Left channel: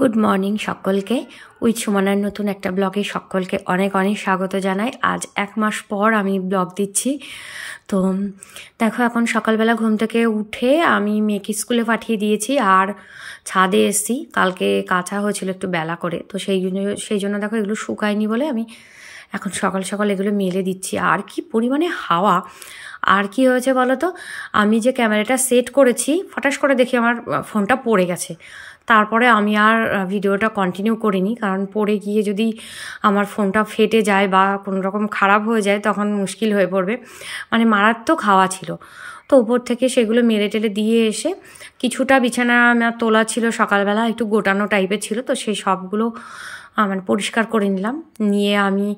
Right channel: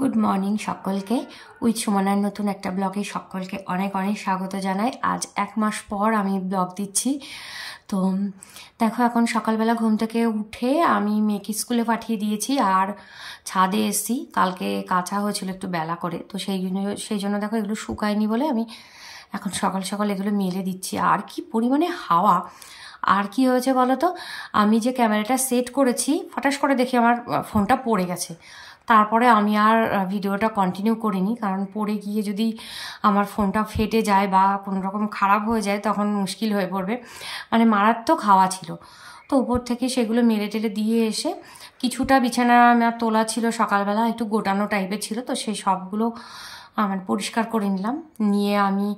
Good morning সকলকে। With সুমনার নতুন একটা ব্লগে সকলকে অনেক অনেক স্বাগত জানাই। আজ 1 মাস পর আমি ব্লগ দিচ্ছি। তো দেখো, এখন সকালবেলা ঘুম থেকে উঠে আমি মেয়েকে স্কুলে পাঠিয়ে দিয়েছি আর ছাদে এসেছি। কালকে কাঁচা হয়েছিল একটু বেলা করে, তো সেই জন্য দেখো এগুলো শুকায়নি বলে আমি এখন সকাল সকাল এগুলো মেলে দিচ্ছি। আর কি পরিমাণে হাওয়া! আর কি হয়েছে বলো তো, আমি যে ক্যামেরাটা সেট করেছি ফটাস করে দেখি আমার ফোনটা পড়ে গেছে। তারপরে আমি আর ভিডিওটা কন্টিনিউ করিনি, কারণ পড়ে গিয়ে যদি আমার ফোনটা ফেটে যায় বা কোনো রকম খারাপ হয়ে যায় তখন মুশকিল হয়ে পড়বে। মানে মারাত্মক হাওয়া ছিল। তো উপর থেকে সেগুলো মেরে টেলে দিয়ে এসে কিছুটা বিছানা আমার তোলা ছিল, সকালবেলা একটু গোটানো টাইপের ছিল, তো সেই সবগুলো মানে পরিষ্কার করে নিলাম। নিয়ে আমি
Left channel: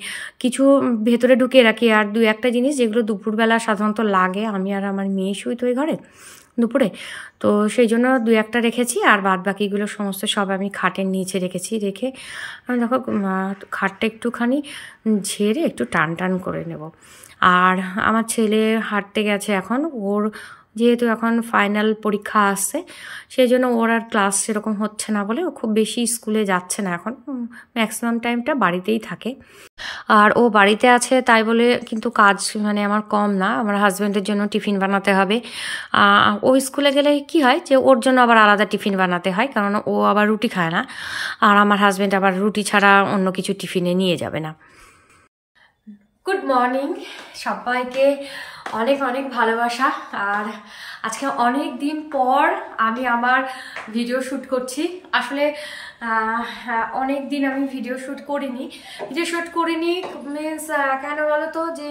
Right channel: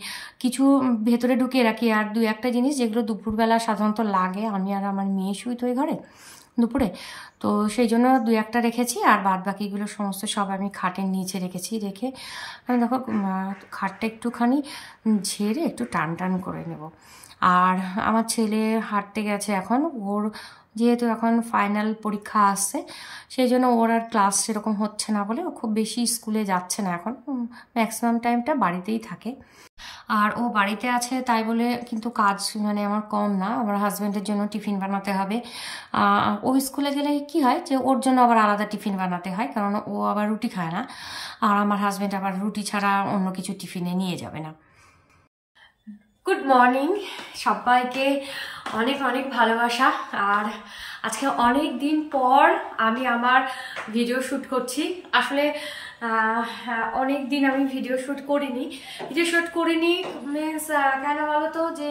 কিছু ভেতরে ঢুকিয়ে রাখি, আর 2-1টা জিনিস যেগুলো দুপুরবেলা সাধারণত লাগে, আমি আর আমার মেয়ে শুই তো ওই ঘরে দুপুরে, তো সেই জন্য 2-1টা রেখেছি। আর বাদ বাকিগুলো সমস্ত সব আমি খাটের নিচে রেখেছি। রেখে আমি দেখো খাটটা একটুখানি ঝেড়ে একটু টান টান করে নেব। আর আমার ছেলে হাঁটতে গেছে এখন। ওর যেহেতু এখন ফাইনাল পরীক্ষা আসছে, সেই জন্য ওর আর ক্লাস সেরকম হচ্ছে না বলে ও খুব বেশি স্কুলে যাচ্ছে না এখন, ম্যাক্সিমাম টাইমটা বাড়িতেই থাকে। আর ও বাড়িতে আছে তাই বলে কিন্তু কাজ মানে আমার কম না। আমার হাজব্যান্ডের জন্য টিফিন বানাতে হবে। ও স্কুলে গেলে কি হয় যে ওর জন্য আবার আলাদা টিফিন বানাতে হয়, কারণ ও আবার রুটি খায় না। আর আমার হাজব্যান্ড আবার রুটি ছাড়া অন্য কিছু টিফিনে নিয়ে যাবে না। গুড মর্নিং সবাইকে, অনেক অনেক ভালোবাসা। আর আজকে অনেক দিন পর আমি আমার ভিডিও শ্যুট করছি। আসলে অনেক দিন আমি ভিডিও শ্যুট করিনি মিনস কেন বলো তো, যে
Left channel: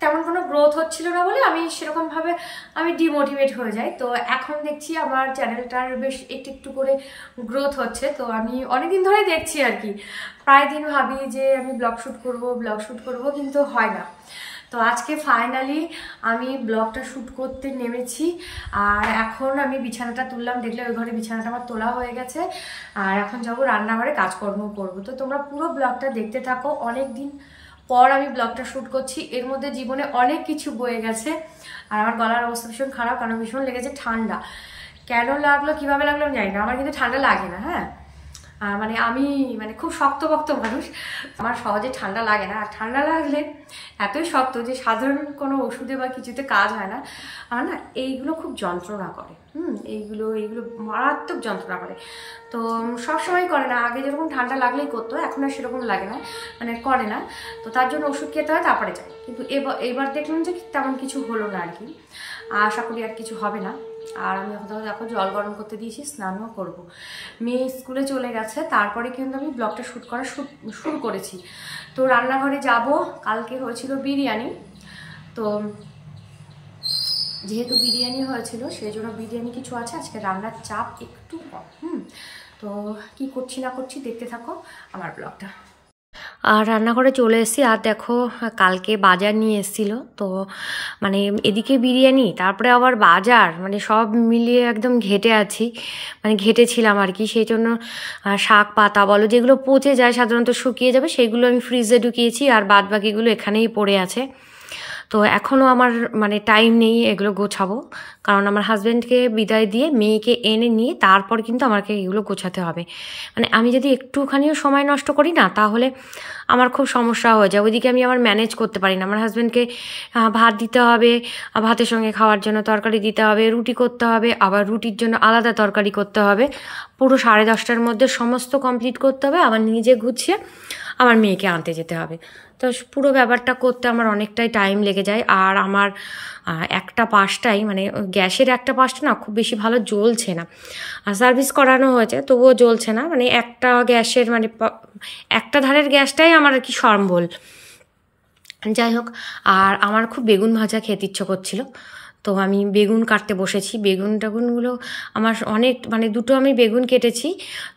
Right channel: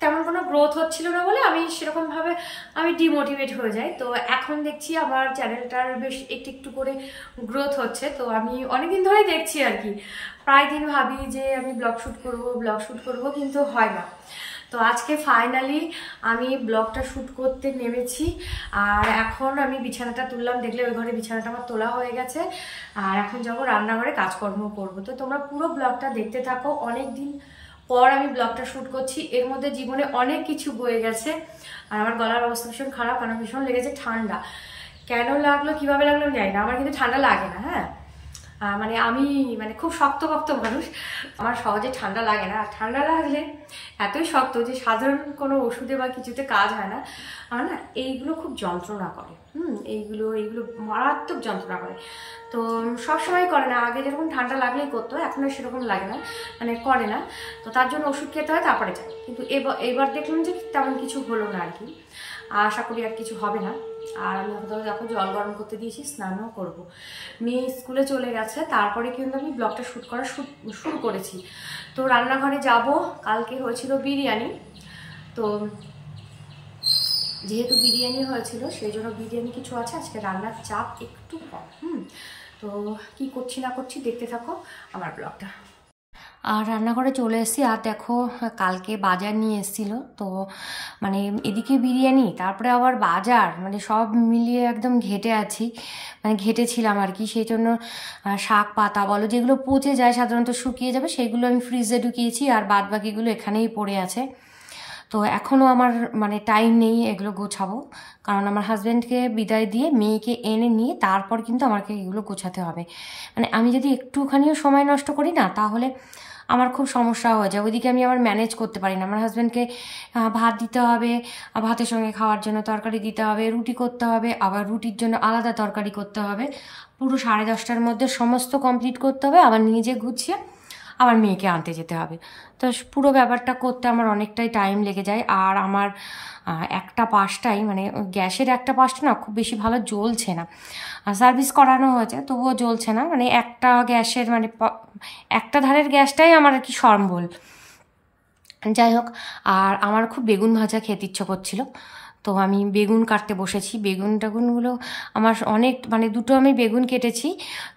তেমন কোনো গ্রোথ হচ্ছিল না বলে আমি সেরকমভাবে ডিমোটিভেট হয়ে যাই। তো এখন দেখছি আমার চ্যানেলটার বেশ একটু একটু করে গ্রোথ হচ্ছে। তো আমি অনেক দিন ধরে দেখছি আর কি, প্রায় দিন ভাবি যে আমি ব্লগ শ্যুট করব, কিন্তু হয় না। তো আজকে ফাইনালি আমি ব্লগটা শ্যুট করতে নেমেছি। আর এখন আমি বিছানাটা তুললাম, দেখলে ওই ঘরে বিছানাটা আমার তোলা হয়ে গেছে। আর এখন যাবো রান্নাঘরে কাজকর্ম করব। তো তোমরা পুরো ব্লগটা দেখতে থাকো। অনেক দিন পর আমি ব্লগটা শ্যুট করছি, এর মধ্যে জীবনে অনেক কিছু বয়ে গেছে। আর আমার গলার অবস্থা ভীষণ খারাপ, কারণ ভীষণ লেগেছে ঠান্ডা। কেন লাগলো কিভাবে লাগলো আমি জানি না, আমার কিন্তু ঠান্ডা লাগে না। হ্যাঁ, মানে আমি খুব শক্তপোক্ত মানুষ, আমার সহজে ঠান্ডা লাগে না। আর ঠান্ডা লাগলে এতই শক্ত যে সাধারণ কোনো ওষুধে বা কিছুতে কাজ হয় না। আমার না এইগুলো খুব যন্ত্রণা করে। এইগুলো মারাত্মক যন্ত্রণা করে। তো সবসময় করে না, আগে যেরকম ঠান্ডা লাগলেই করতো, এখন আর সেরকম লাগে না, করে না। তো তার জন্য ওষুধ খেতে হয়, তারপরে যায়। কিন্তু এবার দেখলাম যে তেমন কিছু হলো না আর কি। আশা করি আর কিছু হবে না। আর আমি এখন দেখো জল গরম করতে দিয়েছি, স্নানও করব। মেয়ে স্কুলে চলে গেছে, তারপরে কিন্তু আমি ব্লগটা শ্যুট করা শুরু করেছি। তো রান্নাঘরে যাব। কালকে হয়েছিল বিরিয়ানি, তো যেহেতু বিরিয়ানি হয়েছিল সেই জন্য বিরিয়ানি কিছু আছে, আজকে রান্নার চাপ একটু কম। তো কি করছি না করছি দেখতে থাকো আমার ব্লগটা। আর রান্নাঘরে চলে এসেছি। আর দেখো, কালকে বাজার নিয়ে এসেছিলো, তো এদিকে বিরিয়ানি, তারপরে আবার বাজার, সব মিলিয়ে একদম ঘেটে আছি, ঘেটেছিলাম আর কি। সেই জন্য শাক পাতা বলো, যেগুলো পচে যায় সাধারণত শুকিয়ে যাবে, সেইগুলো আমি ফ্রিজে ঢুকিয়েছি, আর বাদ বাকিগুলো এখানেই পড়ে আছে। তো এখনও আমার টাইম নেই এগুলো গোছাবো, কারণ আমার হাজব্যান্ডকে বিদায় দিয়ে মেয়েকে এনে নিয়ে তারপর কিন্তু আমাকে এগুলো গোছাতে হবে। আমি যদি একটুখানিও সময় নষ্ট করি না, তাহলে আমার খুব সমস্যা হয়ে যায়। ওইদিকে আমি আবার ম্যানেজ করতে পারি না। আমার হাজব্যান্ডকে ভাত দিতে হবে, ভাতের সঙ্গে খাওয়ার জন্য তরকারি দিতে হবে, রুটি করতে হবে, আবার রুটির জন্য আলাদা তরকারি করতে হবে। পুরো 10:30টার মধ্যে সমস্ত কমপ্লিট করতে হবে, আবার নিজে গুছিয়ে আমার মেয়েকে আনতে যেতে হবে। তো পুরো ব্যাপারটা করতে আমার অনেকটাই টাইম লেগে যায়। আর আমার একটা পাশটাই গ্যাসের একটা পাশটা না খুব বেশি ভালো জ্বলছে না। সার্ভিস করানো হয়েছে, তবুও জ্বলছে না। একটা গ্যাসের একটা ধারের গ্যাসটাই আমার আর কি সম্বল। যাই হোক, আর আমার খুব বেগুন ভাজা খেতে ইচ্ছে করছিল, তো আমি বেগুন কাটতে বসেছি। বেগুনগুলো আমার অনেক দুটো আমি বেগুন কেটেছি।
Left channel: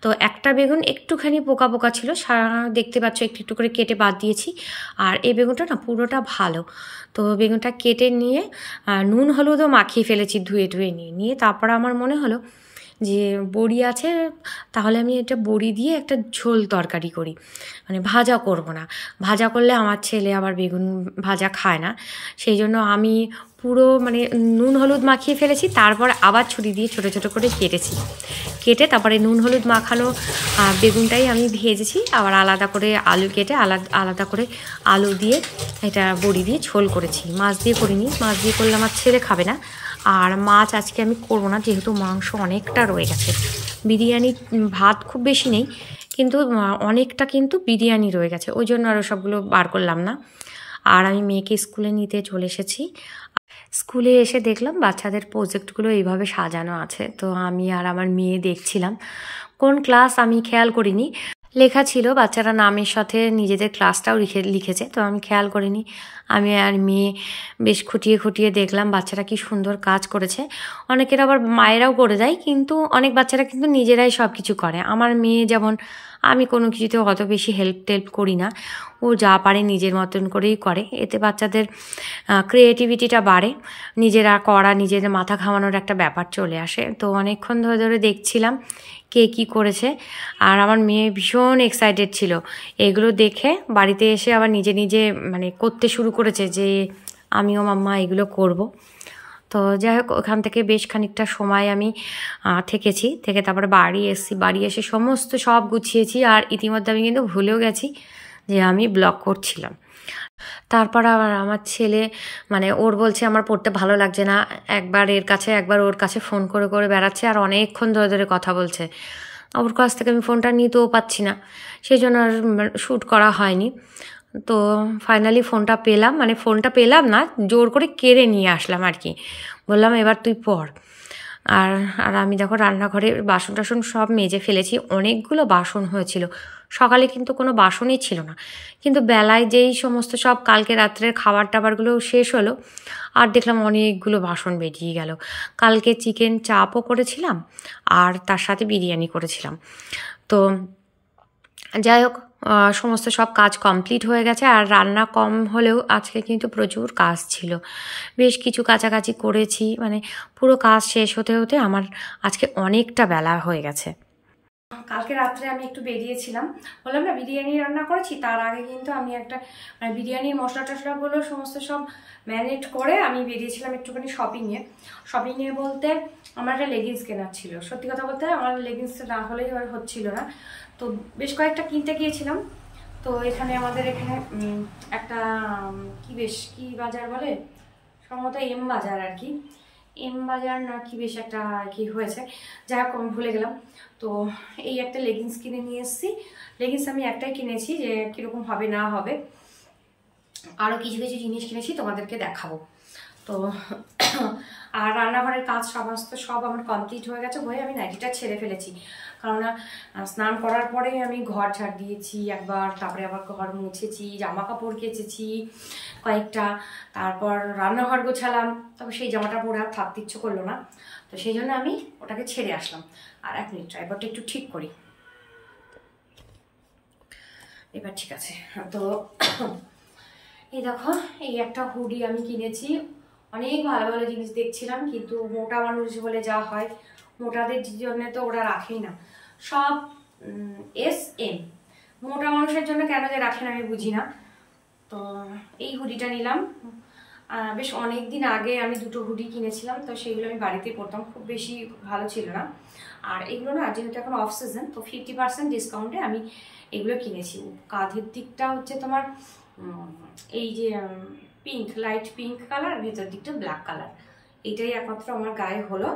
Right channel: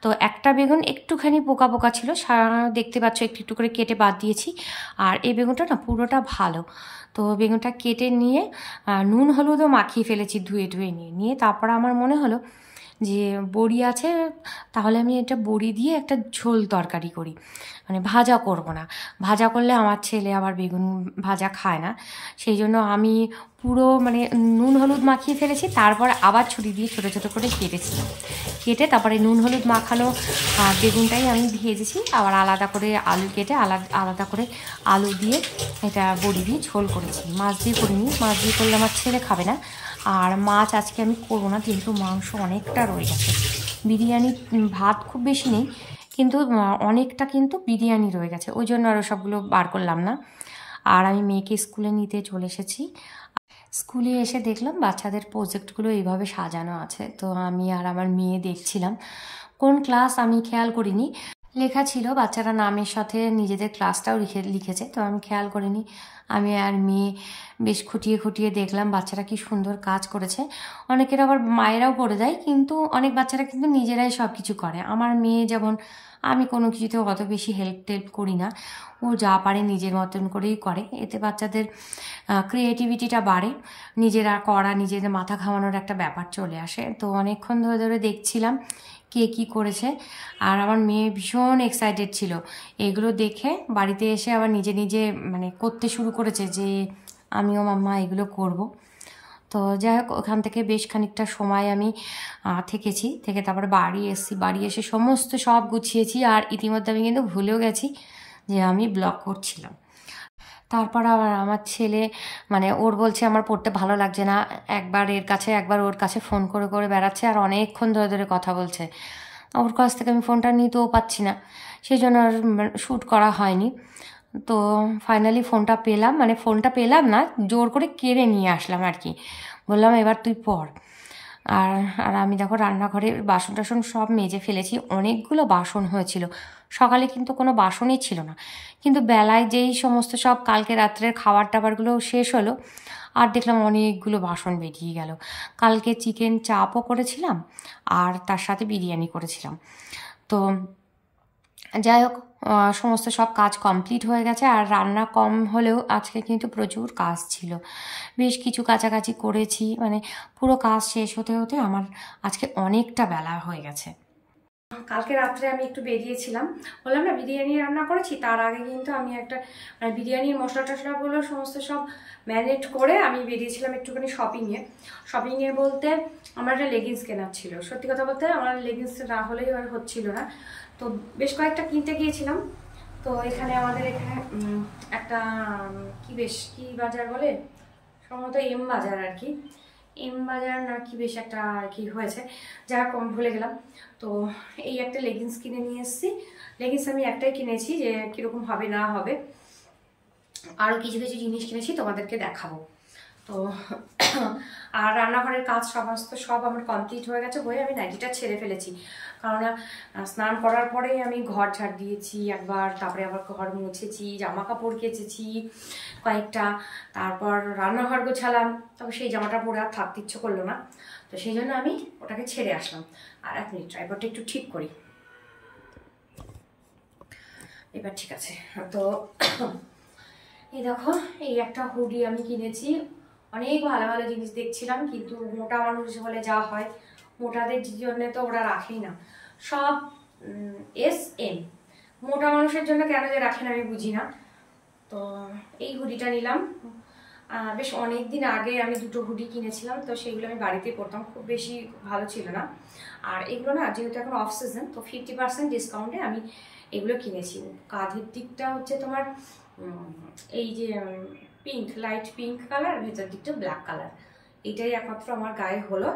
তো একটা বেগুন একটুখানি পোকা পোকা ছিল, দেখতে পাচ্ছ একটু একটু করে কেটে বাদ দিয়েছি। আর এই বেগুনটা না পুরোটা ভালো। তো বেগুনটা কেটে নিয়ে নুন হলুদও মাখিয়ে ফেলেছি, ধুয়ে নিয়ে তারপর আমার মনে হলো যে বড়ি আছে, তাহলে আমি এটা বড়ি দিয়ে একটা ঝোল তরকারি করি, ভাজা করব না। ভাজা করলে আমার ছেলে আবার বেগুন ভাজা খায় না, সেই জন্য আমি পুরো মানে নুন হলুদ মাখিয়ে ফেলেছি, তারপর আবার ছুরি দিয়ে ছোটো ছোটো করে কেটেছি। কেটে তারপরে নুন হলুদ মাখানো বেগুনটাই আমি ভেজেছি, আবার আলাদা করে আলু কেটে আলাদা করে আলু দিয়ে এটা বড়ি দিয়ে ঝোল করেছি। মাছ দিয়ে করিনি, মাছ দিয়ে করলে আমার ছেলে খাবে না। আর মাছ আজকে আমি করবো না, যেহেতু মাংস অনেকটা রয়ে গেছে। বিরিয়ানি ভাত খুব বেশি নেই, কিন্তু অনেকটা কিন্তু বিরিয়ানি রয়ে গেছে, ওই জন্য আরও সবগুলো বার করলাম না। আর আমি মেয়েকে স্কুলে নিতে চলে এসেছি। স্কুলে এসে দেখলাম বাচ্চাদের প্রজেক্টগুলো এইভাবে সাজানো আছে, তো আমি আর আমার মেয়ে দেখছিলাম। কোন ক্লাস আমি খেয়াল করিনি, লেখা ছিল বাচ্চারা নামের সাথে নিজেদের ক্লাসটাও লিখেছে, তো আমি খেয়াল করিনি। আমি আর মেয়ে বেশ খুঁটিয়ে খুঁটিয়ে দেখলাম বাচ্চারা কি সুন্দর কাজ করেছে। অনেকের আবার মায়েরাও করে দেয়, কিন্তু অনেক বাচ্চারা কিন্তু নিজেরাই সব কিছু করে। আমার মেয়ে যেমন, আমি কোনো কিছুতে অত বেশি হেল্প টেল্প করি না, ও যা পারে নিজের মতন করেই করে। এতে বাচ্চাদের ক্রিয়েটিভিটিটা বাড়ে, নিজেরা করা, নিজেদের মাথা ঘামানোর একটা ব্যাপার চলে আসে। তো অনেকক্ষণ ধরে ধরে দেখছিলাম কে কী করেছে, আর আমার মেয়ে ভীষণ এক্সাইটেড ছিল এগুলো দেখে। বাড়িতে এসে আবার নিজে নিজে মানে করতে শুরু করেছে যে আমিও মাম্মা এগুলো করব। তো যাই হোক, ওখান থেকে বেশ খানিকটা সময় আমি থেকে তারপরে বাড়ি এসেছি। বাড়ি এসে সমস্ত সব গুছিয়েছি, আর ইতিমধ্যে আমি কিন্তু ভুলেও গেছি যে আমি ব্লগ করছিলাম। তারপর আবার আমার ছেলে মানে ওর বলছে আমার পড়তে ভালো লাগছে না, একবার এর কাছে একবার ওর কাছে ফোন করে করে বেড়াচ্ছে, আর অনেকক্ষণ ধরে ধরে কথা বলছে। ওর কাছ থেকে আমি ফোনটা নিতেও পাচ্ছি না, সেই জন্য আর শ্যুট করা হয়নি। তো ফাইনালি ফোনটা পেলাম, মানে ফোনটা পেলাম না, জোর করে কেড়ে নিয়ে আসলাম আর কি। বললাম এবার তুই পড়। আর আর আমি দেখো রান্নাঘরের বাসন টাসন সব মেজে ফেলেছি, অনেকগুলো বাসন হয়েছিল। সকালে কিন্তু কোনো বাসনই ছিল না, কিন্তু বেলায় যেই সমস্ত সব কালকে রাত্রের খাবার টাবারগুলো শেষ হলো, আর দেখলাম অনেকগুলো বাসন বেরিয়ে গেল। কালকে চিকেন চাপও করেছিলাম, আর তার সাথে বিরিয়ানি করেছিলাম। তো যাই হোক, সমস্ত সব কাজ কমপ্লিট হয়ে গেছে। আর রান্না কম হলেও আজকে কিন্তু প্রচুর কাজ ছিল, বেশ কিছু কাছাকাছি করেছি, মানে পুরো কাজ শেষ হতে হতে আমার আজকে অনেকটা বেলা হয়ে গেছে। কালকে রাত্রে আমি একটু বেরিয়েছিলাম, বললাম না বিরিয়ানি রান্না করেছি, তার আগে কিন্তু আমি একটা মানে বিরিয়ানির মশলা টশলাগুলো সমস্ত সব ম্যারিনেট করে আমি বেরিয়েছিলাম একটুখানি শপিংয়ে বলতে আমার একটা লেগিংস কেনার ছিল। সত্যি কথা বলতে আমার লেগিংস না হলেই আর হচ্ছিল না, তো বেশ কয়েকটা কিনতে গিয়েছিলাম। তো এখানে আমাদের এখানে একটা কি বাজার বলে, সম্ভবত এম বাজার আর কি, এম বাজার না কি বেশ একটা আর কি হয়েছে, যাই হোক আমি ভুলে গেলাম। তো এই একটা লেগিংস কিনে নিয়ে এসেছি। লেগিংস আমি একটাই কিনেছি, যে কীরকম হবে না হবে, আরও কিছু কিছু জিনিস কিনেছি তোমাদেরকে দেখাবো। তো আর রান্নাঘরের কাজ সমস্ত সব আমার কমপ্লিট হয়ে গেছে, হয়ে আমি নাইটিটা ছেড়ে ফেলেছি, কারণ স্নান করার পরেই আমি ঘর ঝাড় দিয়েছি একবার, তারপরে আবার ঘর মুছেছি, জামা কাপড় কেচেছি কয়েকটা, তারপর রান্নাঘর গোছালাম, তবে সেই জামাটা পরে আর থাকতে ইচ্ছে করলো না, তো সেই জন্য আমি ওটাকে ছেড়ে আসলাম। আর এক মিনিট, ট্রাইপডটা একটু ঠিক করি, এবার ঠিক আছে। তো এই দেখো, এই একটা হুডি আমি কিনেছি, অনেক ভালো ভালো জিনিস দেখছিলাম, কিন্তু মোটা মানুষ হলে যা হয়, মোটাদের জন্য তো ওরা রাখেই না, সব SM, মোটা মানুষের জন্য কেন যে রাখেন আমি বুঝি না। তো এই হুডিটা নিলাম, বেশ অনেক দিন আগে আমি দুটো হুডি কিনেছিলাম, তো সেইগুলো আমি বাড়িতেই পরতাম, খুব বেশি ভালো ছিল না। আর এগুলো না যেহেতু এখন অফ সিজন, তো 50% ডিসকাউন্টে আমি এগুলো কিনেছি। কাঁধের দিকটা হচ্ছে তোমার এই যে পিঙ্ক, লাইট পিঙ্ক কালার, ভেতর দিকটা ব্ল্যাক কালার, এটাই একমাত্র আমার গায়ে হলো,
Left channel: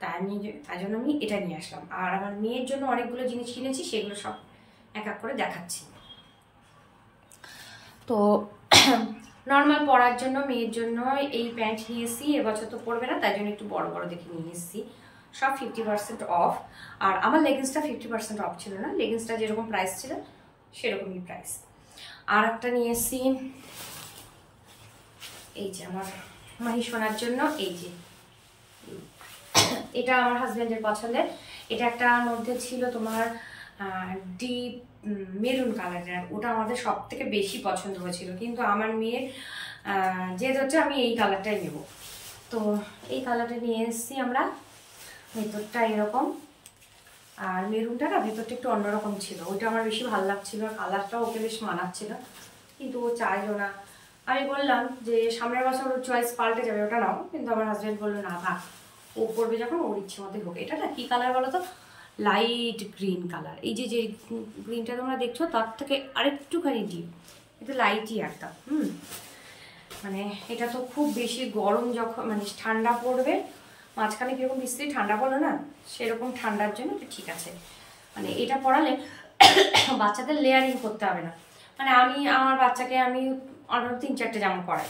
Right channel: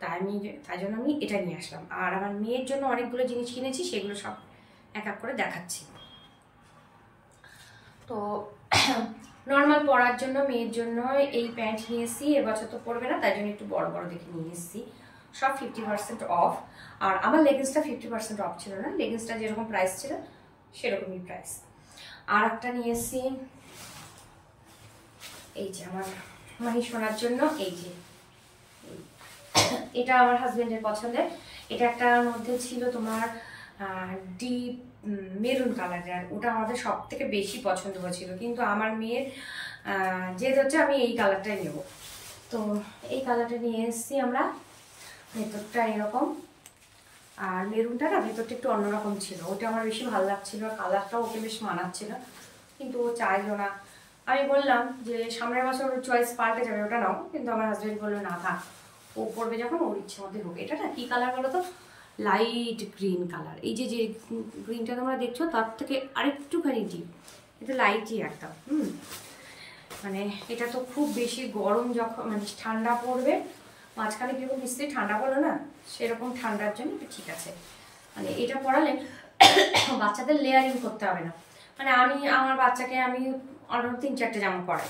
তাই জন্য আমি এটা নিয়ে আসলাম। আর আমার মেয়ের জন্য অনেকগুলো জিনিস কিনেছি, সেগুলো সব এক এক করে দেখাচ্ছি। তো নর্মাল পরার জন্য মেয়ের জন্য এই প্যান্ট নিয়ে এসেছি, এবছর তো পরবে না, তাই জন্য একটু বড় বড় দেখে নিয়ে এসেছি, সব 50% অফ। আর আমার লেগিংসটা 50% অফ ছিল না, লেগিংসটা যেরকম প্রাইস ছিল সেরকমই প্রাইস। আর একটা নিয়ে এসেছি এই যে আমার মাহিসোনার জন্য, এই যে এটা আমার হাজবেন্ডের পছন্দের, এটা একটার মধ্যে ছিল তোমার ডিপ মেরুন কালারের, আর ওটা আমাদের সব থেকে বেশি পছন্দ হয়েছিল, কিন্তু আমার মেয়ের জেদ হচ্ছে আমি এই কালারটাই নেব, তো এই কালারটা নিয়ে এসেছি আমরা। ভেতরটা এরকম, আর মেরুনটা না ভেতরটা একটু অন্যরকম ছিল, ওইটা আমার বেশি ভালো লাগছিল, আর কালারটাও ওকে বেশ মানাচ্ছিল, কিন্তু ও চাইলো না, আমি বললাম যে সামনের বছর ওর চয়েস পাল্টে যাবে, ওটা নাও, কিন্তু আমার হাজব্যান্ড বললো না থাক, ও পরবে যখন ওর ইচ্ছে মতো হোক। এটা না কী কালার বলো তো, লাইট গ্রিন কালার। এই যে যে গ্রিনটা তোমরা দেখছো তার থেকে আরেকটুখানি ডিপ, এটা লাইটই একদম। মানে এটা তো খুব বেশি গরম যখন মানে ঠান্ডা পড়বে, মাঝখানে কীরকম বৃষ্টি ঠান্ডা পড়লো না, সেরকম ঠান্ডার জন্য এটা ঠিক আছে। মানে এটা পরালে বাচ্চাদের লেয়ারিং করতে হবে না। মানে আমি আমার বাচ্চাকে আমি অন্তত 3-4টে জামা পরাই,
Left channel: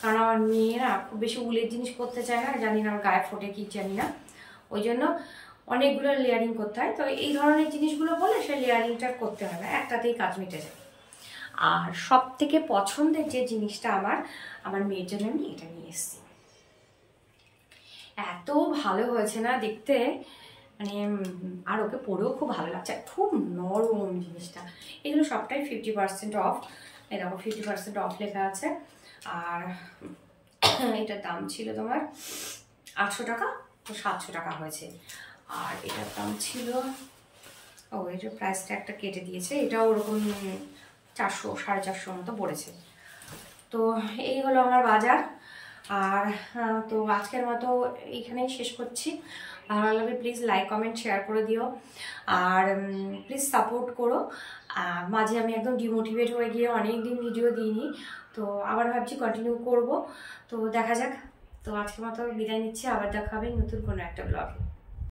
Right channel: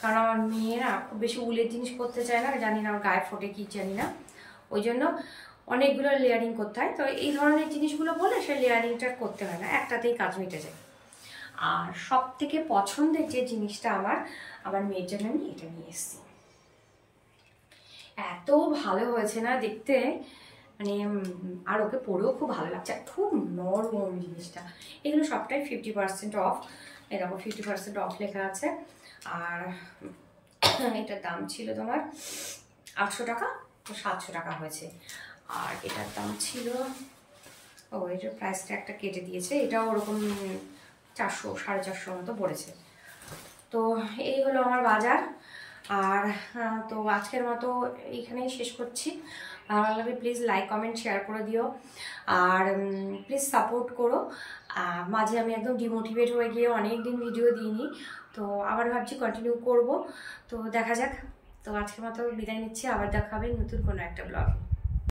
কারণ আমার মেয়েরা খুব বেশি উলের জিনিস করতে চায় না, জানি না আমার গায়ে ফোটে কি জানি না, ওই জন্য অনেকগুলো লেয়ারিং করতে হয়। তো এই ধরনের জিনিসগুলো বলে সে লেয়ারিংটা করতে হয় না, একটাতেই কাজ মিটে যায়। আর সব থেকে পছন্দের যে জিনিসটা আমার মেয়ের জন্য আমি এটা নিয়ে এসেছি। এত ভালো হয়েছে না দেখতে, মানে আর ওকে পরেও খুব ভালো লাগছে, খুব নরম জিনিসটা। এগুলো সবটাই 50% অফ, এই দেখো 50% অফ লেখা আছে। আর এটার দাম ছিল তোমার 800 টাকা, তো 700 টাকা হয়েছে। আর এটার দাম ছিল, ও এটার প্রাইসটা একটা কেটে দিয়েছে, এটাও ওরকম 400-450 মতো পড়েছে। তো এই হলো আমার বাজার। আর তো আজকের মতো এইখানেই শেষ করছি। ভালো লাগলে প্লিজ লাইক কমেন্ট শেয়ার করে দিও, আর প্লিজ সাপোর্ট করো। মাঝে আমি একদম ডিমোটিভেট হয়ে গিয়ে অনেক দিন ভিডিও দিইনি, তো আবার ভাবছি কন্টিনিউ করব, তো দেখা যাক। তো আজকের মতো বিদায় নিচ্ছি, আবার দেখা হবে নতুন কোনো একটা ব্লগে।